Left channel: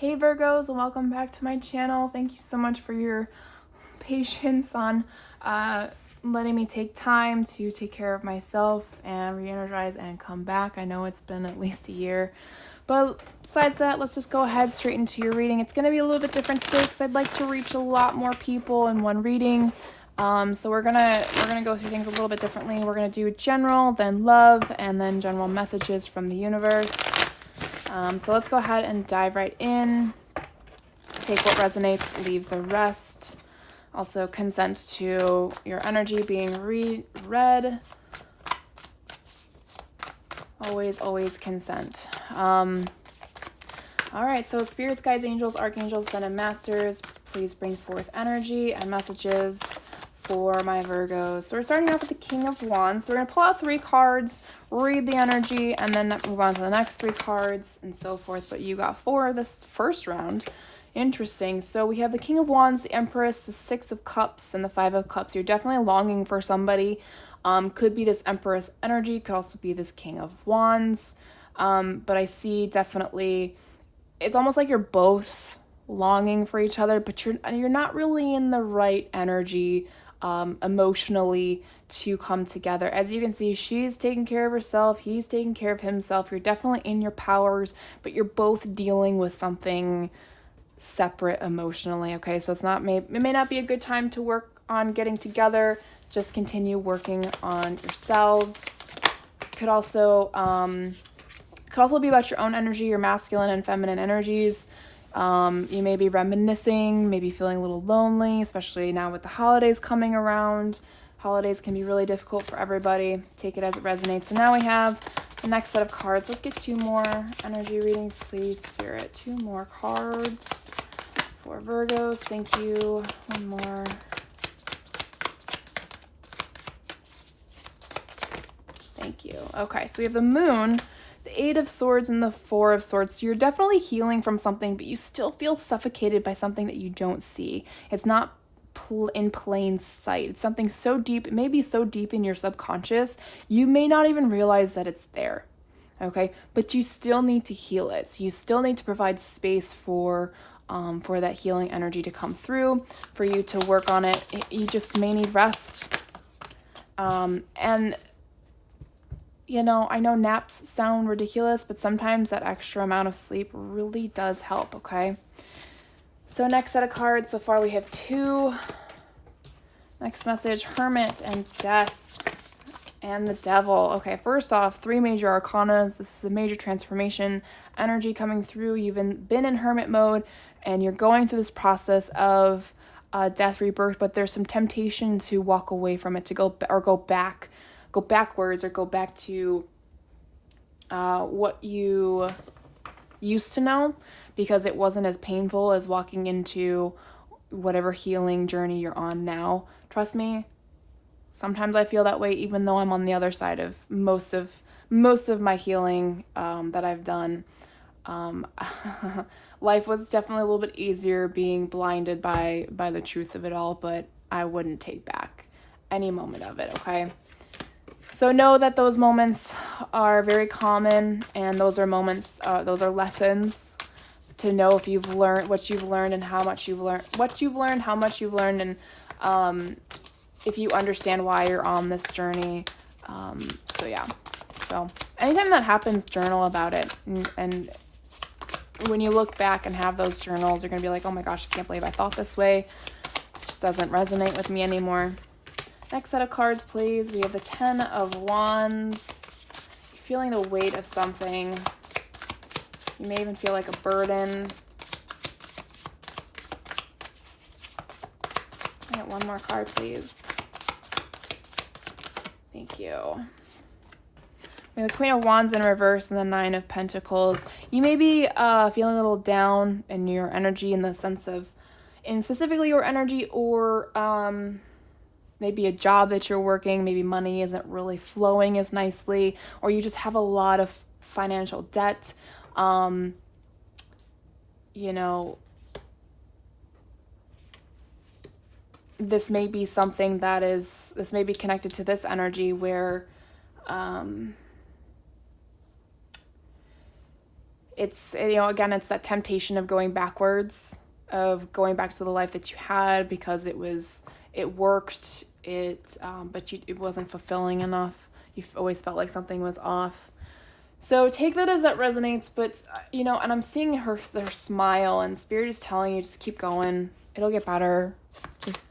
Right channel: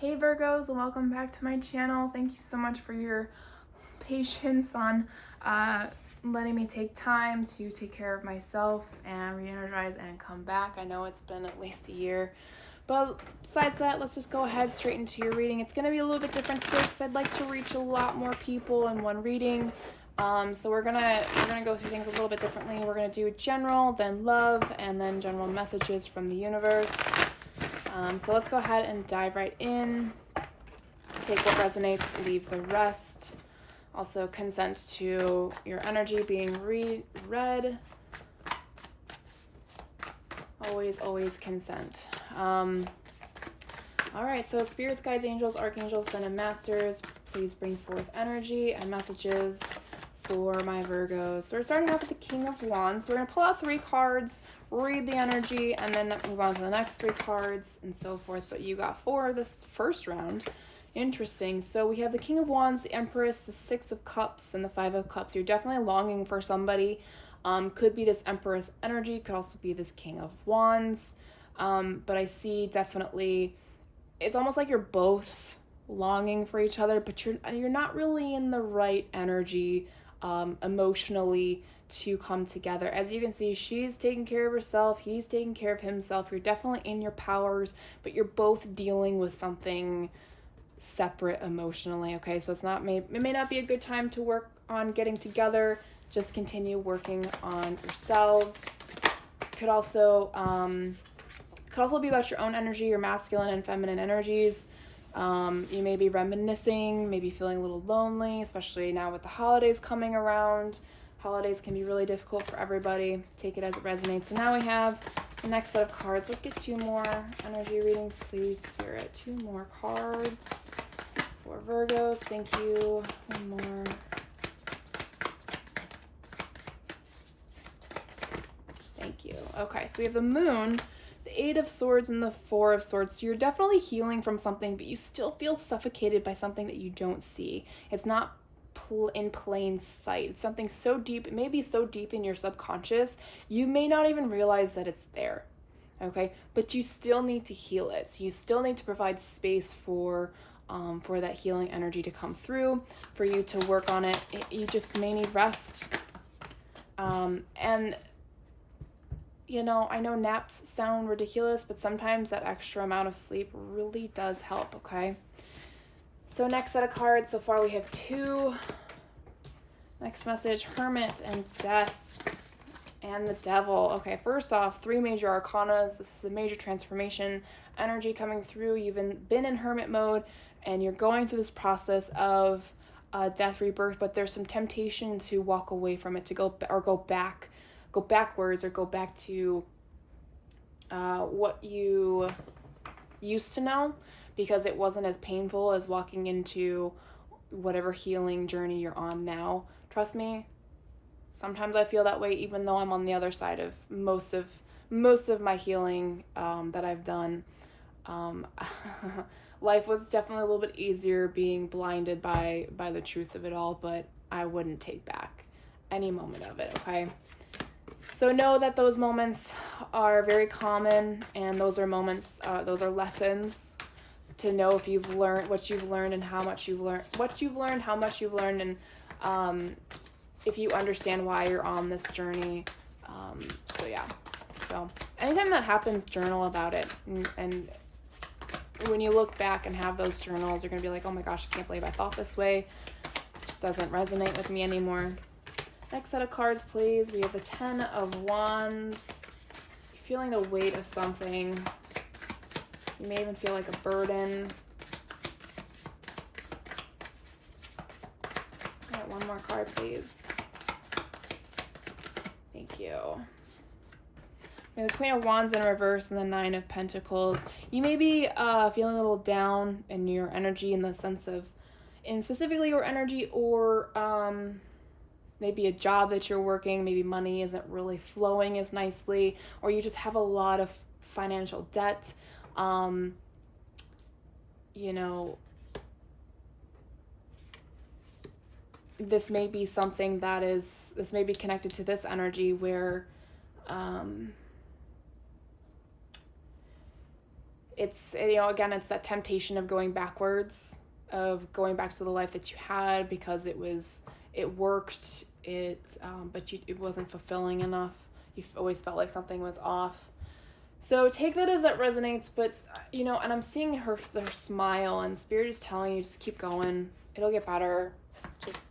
Hey Virgos, and welcome back to my channel. Thank you so much for your patience on letting me take time to take care of myself and re-energize and come back. I know it's been at least a year, but besides that, let's just go ahead straight into your reading. It's going to be a little bit different today because I'd like to reach a lot more people in one reading. So we're gonna go through things a little bit differently. We're gonna do general, then love, and then general messages from the universe. So let's go ahead and dive right in. Take what resonates, leave the rest. Also consent to your energy being read. Always consent. All right, so spirits, guides, angels, archangels, then and masters, please bring forth energy and messages for my Virgos. So we're starting off with the King of Wands. So we're going to pull out 3 cards, read the energy, and then move on to the next 3 cards and so forth. But you got 4 this first round. Interesting. So we have the King of Wands, the Empress, the 6 of Cups, and the 5 of Cups. You're definitely longing for somebody. Could be this Empress energy. Could also be this King of Wands. But I see definitely, it's almost like you're both longing for each other, but you're not really in the right energy emotionally to come together. As you can see, she's taking care of herself, he's taking care of himself. You're definitely in your powers, but you're both dealing with something separate emotionally. Okay, so it may not be a good time to work on getting together. Just continue working on yourselves. Could also be about your own energy, your masculine and feminine energies. You may be reminiscing, maybe feeling a little lonely, especially now with the holidays coming around. Holidays can be really difficult for everybody. Take it as it resonates. So now we have the next set of cards. Let's get 2 more energy readings, please, Spirit. 2 more cards for Virgos. Thank you. 1 more. Thank you. Okay, so we have the Moon, the 8 of Swords, and the 4 of Swords. So you're definitely healing from something, but you still feel suffocated by something that you don't see. It's not in plain sight. It's something so deep, it may be so deep in your subconscious, you may not even realize that it's there. Okay, but you still need to heal it. So you still need to provide space for that healing energy to come through, for you to work on it. You just may need rest. And you know, I know naps sound ridiculous, but sometimes that extra amount of sleep really does help, okay? So next set of cards, so far we have 2. Next message, Hermit and Death and the Devil. Okay, first off, 3 major arcanas. This is a major transformation energy coming through. You've been in Hermit mode and you're going through this process of death, rebirth, but there's some temptation to walk away from it, to go backwards or go back to what you used to know, because it wasn't as painful as walking into whatever healing journey you're on now. Trust me, sometimes I feel that way, even though I'm on the other side of most of my healing that I've done. Life was definitely a little bit easier being blinded by the truth of it all, but I wouldn't take back any moment of it, okay? So know that those moments are very common, and those are moments, those are lessons to know if you've learned what you've learned and how much you've learned, and if you understand why you're on this journey. So yeah, so anytime that happens, journal about it, and when you look back and have those journals, you're gonna be like, oh my gosh, I can't believe I thought this way. It just doesn't resonate with me anymore. Next set of cards, please. We have the 10 of Wands. You're feeling the weight of something. You may even feel like a burden. Get 1 more card, please. Thank you. We have the Queen of Wands in reverse and the 9 of Pentacles. You may be feeling a little down in your energy, in the sense of, in specifically your energy, or maybe a job that you're working, maybe money isn't really flowing as nicely, or you just have a lot of financial debt. You know, this may be something this may be connected to this energy where it's, you know, again, it's that temptation of going backwards, of going back to the life that you had because it worked, but it wasn't fulfilling enough. You always felt like something was off. So take that as that resonates, but, you know, and I'm seeing their smile, and Spirit is telling you, just keep going. It'll get better. Just,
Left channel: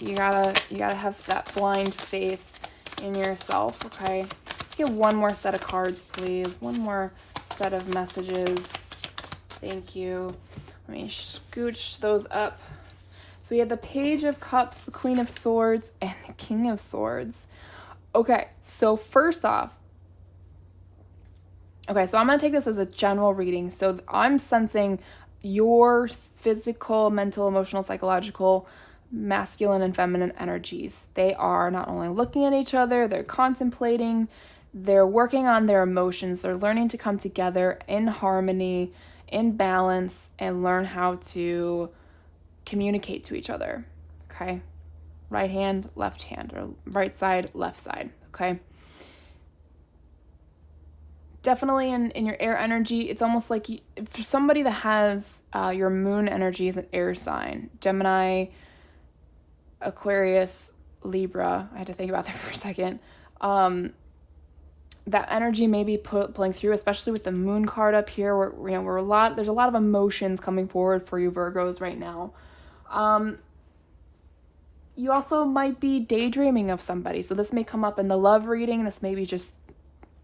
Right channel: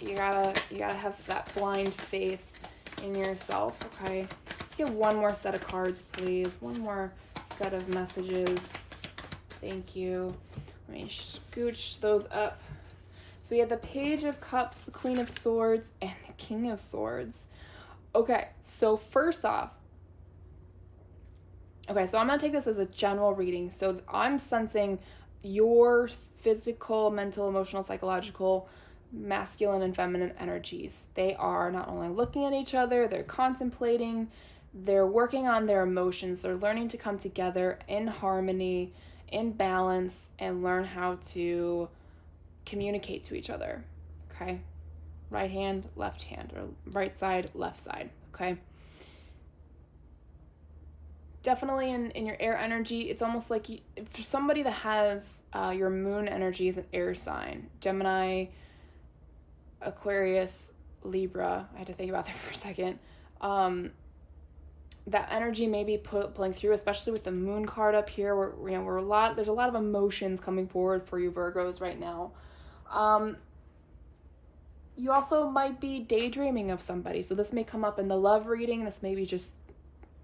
you gotta have that blind faith in yourself, okay? Let's get one more set of cards, please. One more set of messages. Thank you. Let me scooch those up. So we had the Page of Cups, the Queen of Swords, and the King of Swords. Okay, so first off, okay, so I'm going to take this as a general reading. So I'm sensing your physical, mental, emotional, psychological, masculine and feminine energies. They are not only looking at each other, they're contemplating, they're working on their emotions, they're learning to come together in harmony, in balance, and learn how to communicate to each other, okay? Right hand, left hand, or right side, left side, okay? Definitely in your air energy, it's almost like for somebody that has your moon energy is an air sign, Gemini, Aquarius, Libra, I had to think about that for a second, that energy may be pulling through, especially with the moon card up here, where, you know, there's a lot of emotions coming forward for you Virgos right now. You also might be daydreaming of somebody, so this may come up in the love reading. This may be just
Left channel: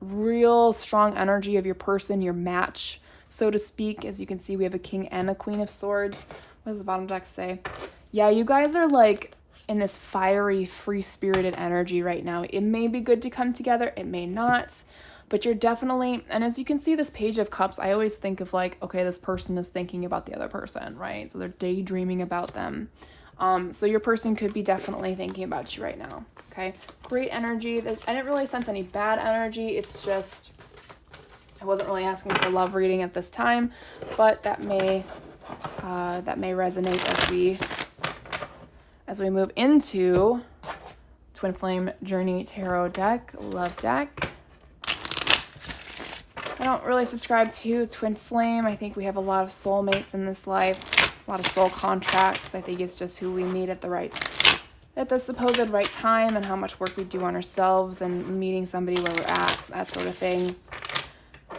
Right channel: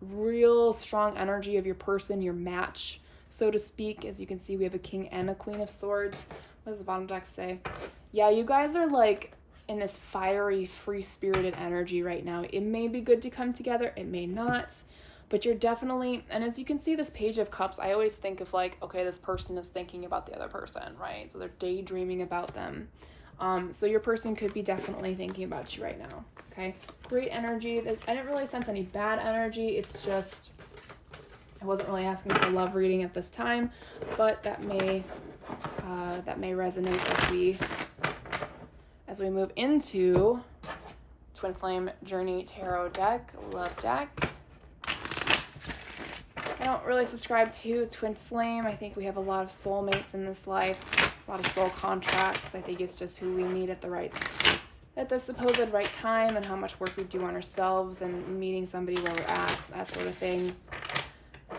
real strong energy of your person, your match, so to speak. As you can see, we have a King and a Queen of Swords. What does the bottom deck say? Yeah, you guys are like in this fiery, free-spirited energy right now. It may be good to come together, it may not, but you're definitely, and as you can see, this Page of Cups, I always think of like, okay, this person is thinking about the other person, right? So they're daydreaming about them. So your person could be definitely thinking about you right now, okay? Great energy. I didn't really sense any bad energy. It's just, I wasn't really asking for love reading at this time, but that may resonate as we move into Twin Flame Journey Tarot deck, love deck. I don't really subscribe to Twin Flame. I think we have a lot of soulmates in this life, a lot of soul contracts. I think it's just who we meet at the supposed right time, and how much work we do on ourselves and meeting somebody where we're at, that sort of thing.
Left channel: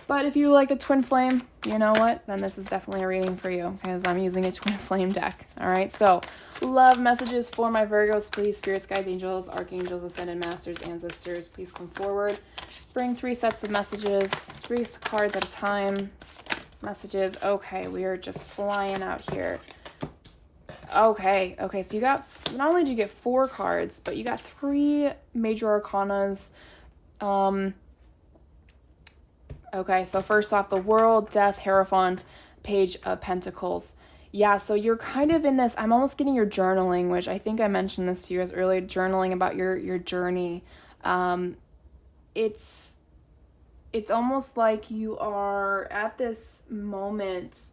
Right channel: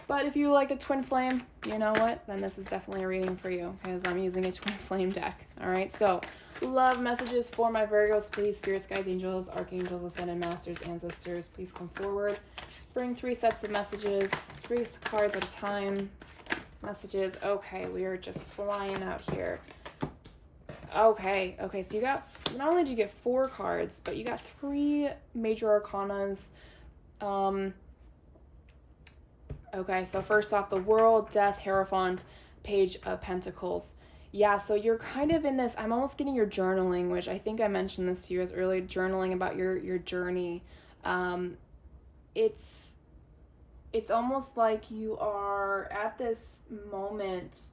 But if you like the Twin Flame, you know what? Then this is definitely a reading for you, because I'm using a Twin Flame deck. All right, so love messages for my Virgos, please. Spirits, guides, angels, archangels, ascended masters, ancestors, please come forward. Bring 3 sets of messages, 3 cards at a time. Messages. Okay, we are just flying out here. Okay, so you got, not only did you get 4 cards, but you got 3 major arcanas. Okay, so first off, the World, Death, Hierophant, Page of Pentacles. Yeah, so you're kind of in this, I'm almost getting your journaling, which I think I mentioned this to you guys earlier, journaling about your journey. It's almost like you are at this moment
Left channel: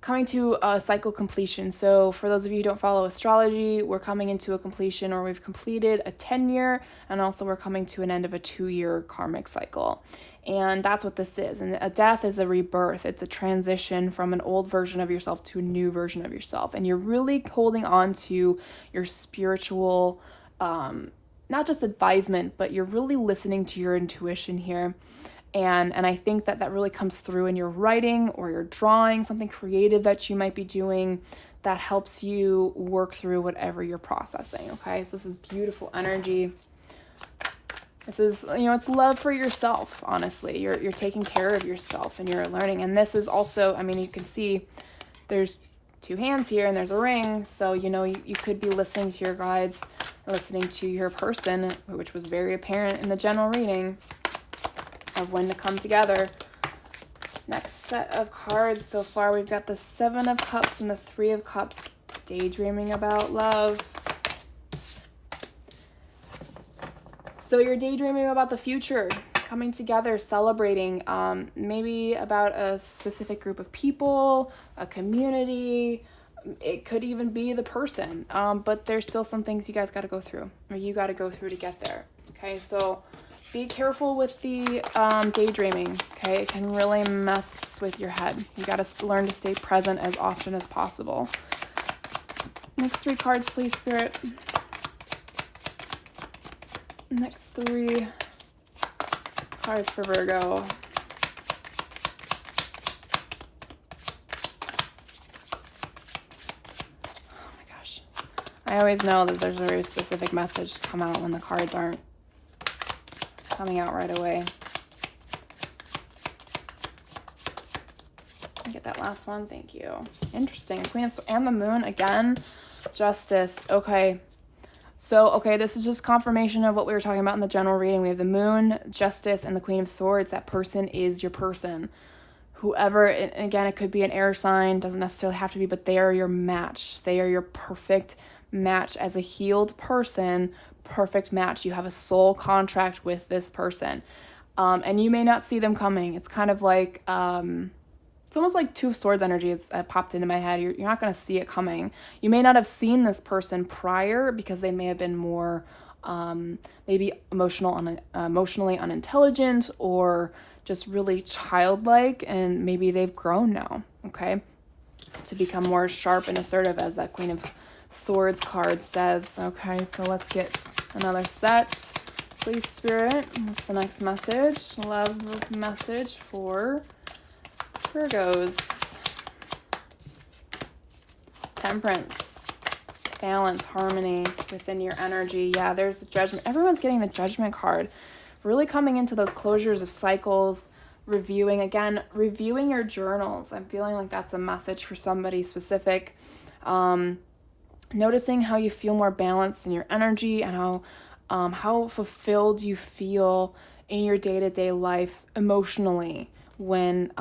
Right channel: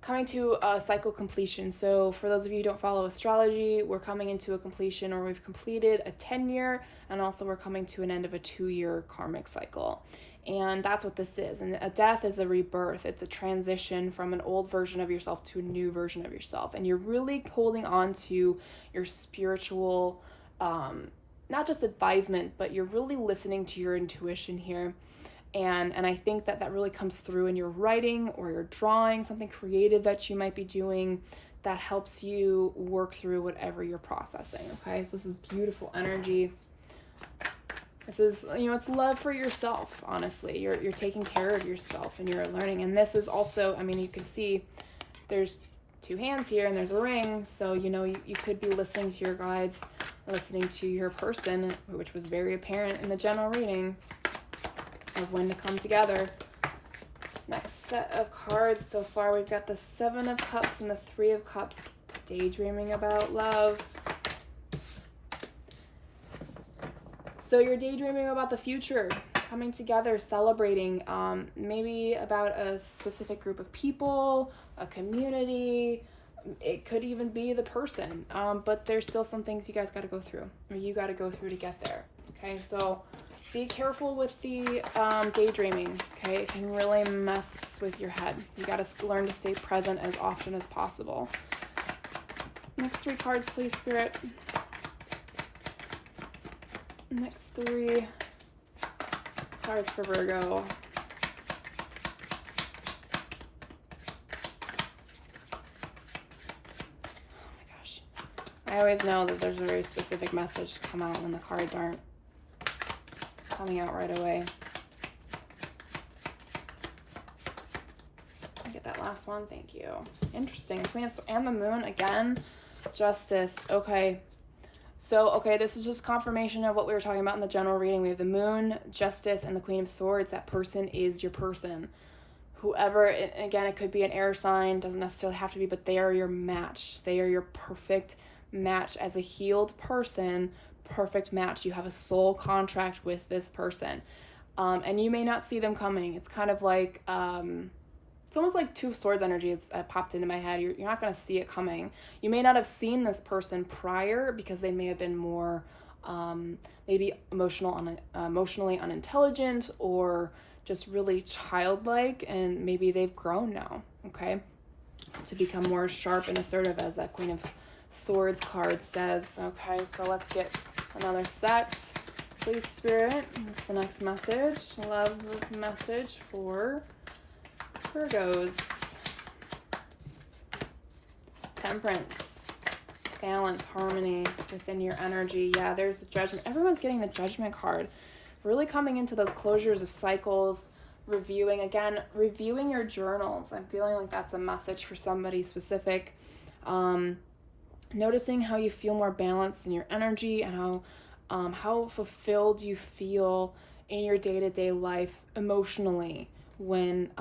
coming to a cycle completion. So for those of you who don't follow astrology, we're coming into a completion, or we've completed a 10-year, and also we're coming to an end of a 2-year karmic cycle. And that's what this is. And a death is a rebirth. It's a transition from an old version of yourself to a new version of yourself. And you're really holding on to your spiritual, not just advisement, but you're really listening to your intuition here. And I think that really comes through in your writing or your drawing, something creative that you might be doing that helps you work through whatever you're processing, okay? So this is beautiful energy. This is, you know, it's love for yourself, honestly. You're taking care of yourself and you're learning. And this is also, I mean, you can see there's 2 hands here and there's a ring. So, you know, you could be listening to your guides, listening to your person, which was very apparent in the general reading of when to come together. Next set of cards so far, we've got the 7 of Cups and the 3 of Cups, daydreaming about love. So you're daydreaming about the future, coming together, celebrating, maybe about a specific group of people, a community. It could even be the person, but there's still some things you guys got to go through, or you got to go through to get there. Okay, so Be careful with the daydreaming, okay? It can really mess with your head. You got to learn to stay present as often as possible. Next 3 cards, please, Spirit. Next 3 cards for Virgo. Oh my gosh. I always know that there's a very specific message to come out when the cards aren't coming out right away. I get that last one. Thank you. Interesting. Queen of Swords and the Moon again. Justice. Okay. So, okay, this is just confirmation of what we were talking about in the general reading. We have the Moon, Justice, and the Queen of Swords. That person is your person. Whoever, again, it could be an air sign, doesn't necessarily have to be, but they are your match. They are your perfect match as a healed person. Perfect match. You have a soul contract with this person. And you may not see them coming. It's kind of like, it's almost like 2 of Swords energy. It's popped into my head. You're not going to see it coming. You may not have seen this person prior because they may have been more maybe emotionally unintelligent or just really childlike, and maybe they've grown now, okay, to become more sharp and assertive, as that Queen of Swords card says. Okay, so let's get another set. Please, Spirit. What's the next message? Love message for Virgos. Temperance, balance, harmony within your energy. Yeah, there's a Judgment. Everyone's getting the Judgment card. Really coming into those closures of cycles, reviewing your journals. I'm feeling like that's a message for somebody specific. Noticing how you feel more balanced in your energy and how fulfilled you feel in your day-to-day life emotionally when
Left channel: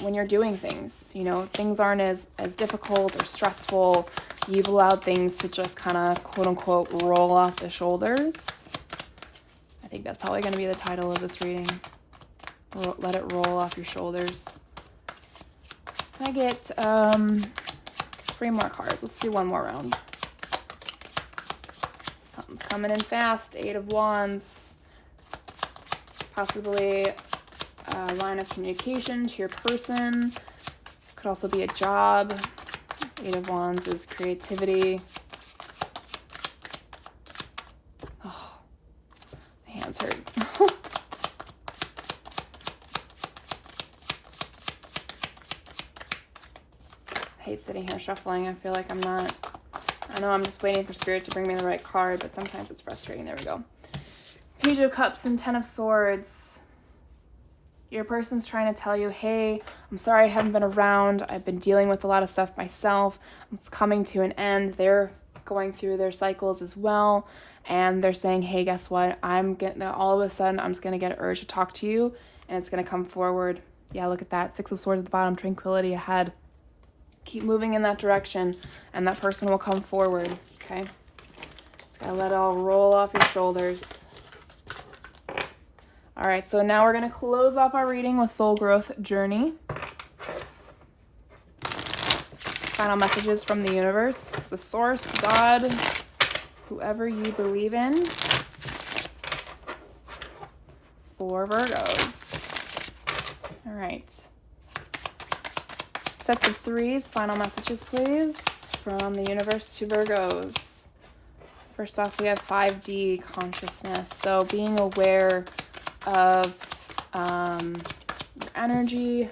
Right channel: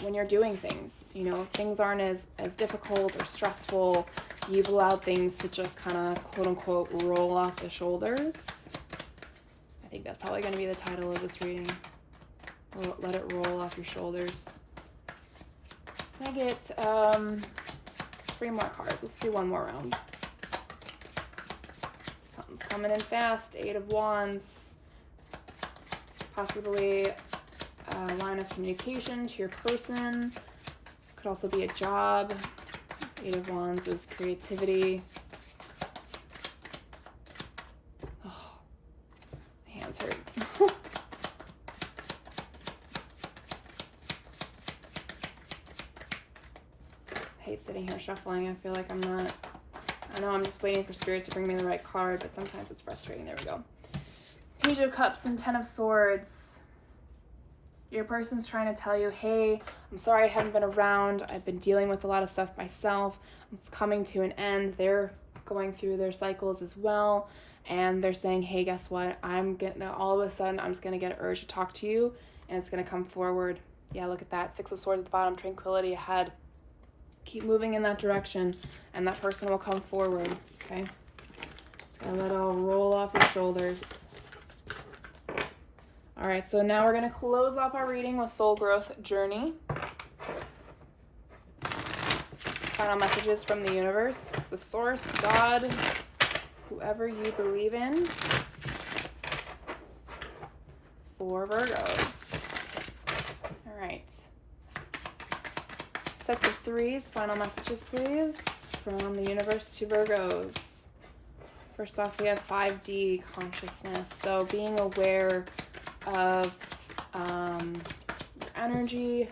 when you're doing things. Things aren't as difficult or stressful. You've allowed things to just kind of quote unquote roll off the shoulders. I think that's probably going to be the title of this reading. Let it roll off your shoulders. I get 3 more cards. Let's do one more round. Something's coming in fast. 8 of Wands. Possibly a line of communication to your person. Could also be a job. 8 of Wands is creativity. Oh, my hands hurt. I hate sitting here shuffling. I feel like I know I'm just waiting for Spirit to bring me the right card, but sometimes it's frustrating. There we go. Page of Cups and 10 of Swords. Your person's trying to tell you, hey, I'm sorry I haven't been around. I've been dealing with a lot of stuff myself. It's coming to an end. They're going through their cycles as well. And they're saying, hey, guess what? All of a sudden, I'm just going to get an urge to talk to you. And it's going to come forward. Yeah, look at that. 6 of Swords at the bottom, tranquility ahead. Keep moving in that direction, and that person will come forward, okay? Just gotta let it all roll off your shoulders. All right, so now we're gonna close off our reading with Soul Growth Journey. Final messages from the universe, the source, God, whoever you believe in, for Virgos. All right. Sets of 3s, final messages, please, from the universe to Virgos. First off, we have 5D consciousness. So being aware of your energy,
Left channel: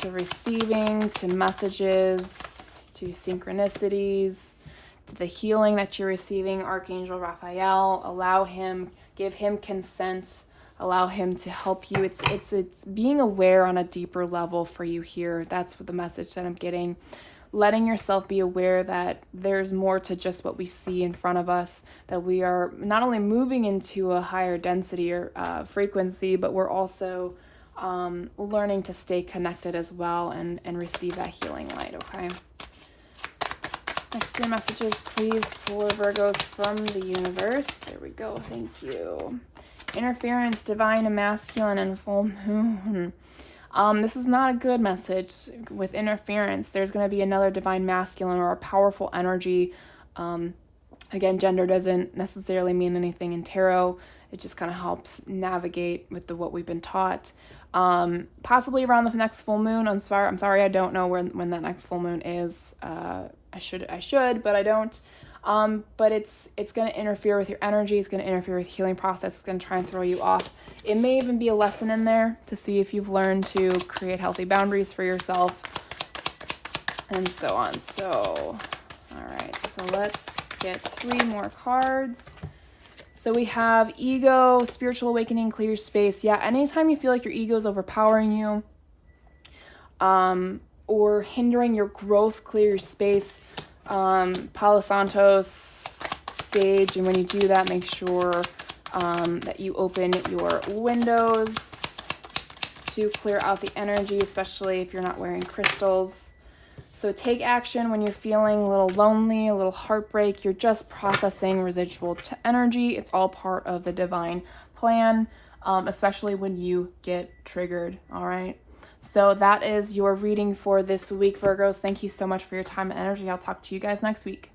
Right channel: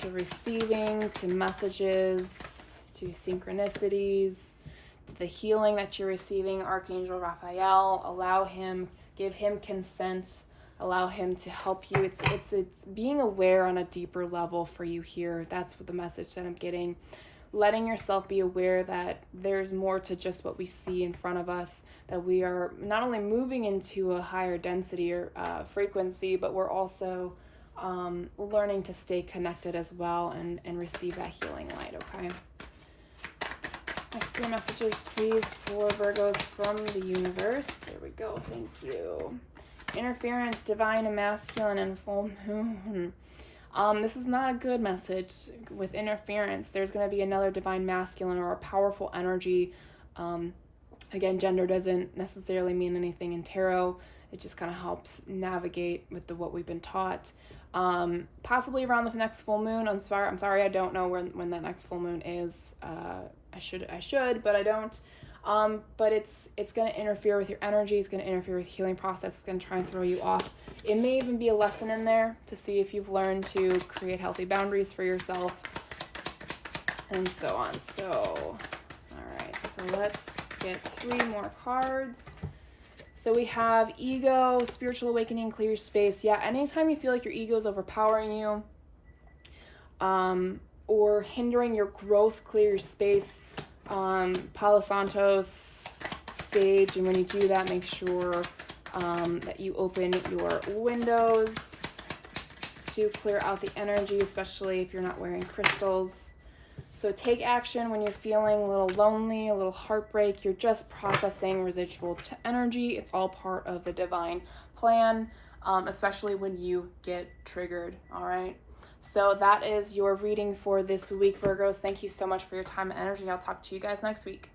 to receiving, to messages, to synchronicities, to the healing that you're receiving. Archangel Raphael, give him consent. Allow him to help you. It's being aware on a deeper level for you here. That's what the message that I'm getting. Letting yourself be aware that there's more to just what we see in front of us, that we are not only moving into a higher density or frequency, but we're also learning to stay connected as well and receive that healing light, okay? Next 3 messages, please, for Virgos from the universe. There we go. Thank you. Interference, divine and masculine, and full moon. This is not a good message with interference. There's going to be another divine masculine or a powerful energy. Again, gender doesn't necessarily mean anything in tarot. it just kind of helps navigate with what we've been taught. Possibly around the next full moon. I'm sorry, I don't know when that next full moon is. I should, but I don't. But it's going to interfere with your energy. It's going to interfere with your healing process. It's going to try and throw you off. It may even be a lesson in there to see if you've learned to create healthy boundaries for yourself, and so on. So, all right. So let's get 3 more cards. So we have ego, spiritual awakening, clear your space. Yeah, anytime you feel like your ego is overpowering you, or hindering your growth, clear your space. Palo Santos, sage, and when you do that, make sure that you open your windows to clear out the energy, especially if you're not wearing crystals. So take action when you're feeling a little lonely, a little heartbreak. You're just processing residual energy. It's all part of the divine plan, especially when you get triggered, all right? So that is your reading for this week, Virgos. Thank you so much for your time and energy. I'll talk to you guys next week.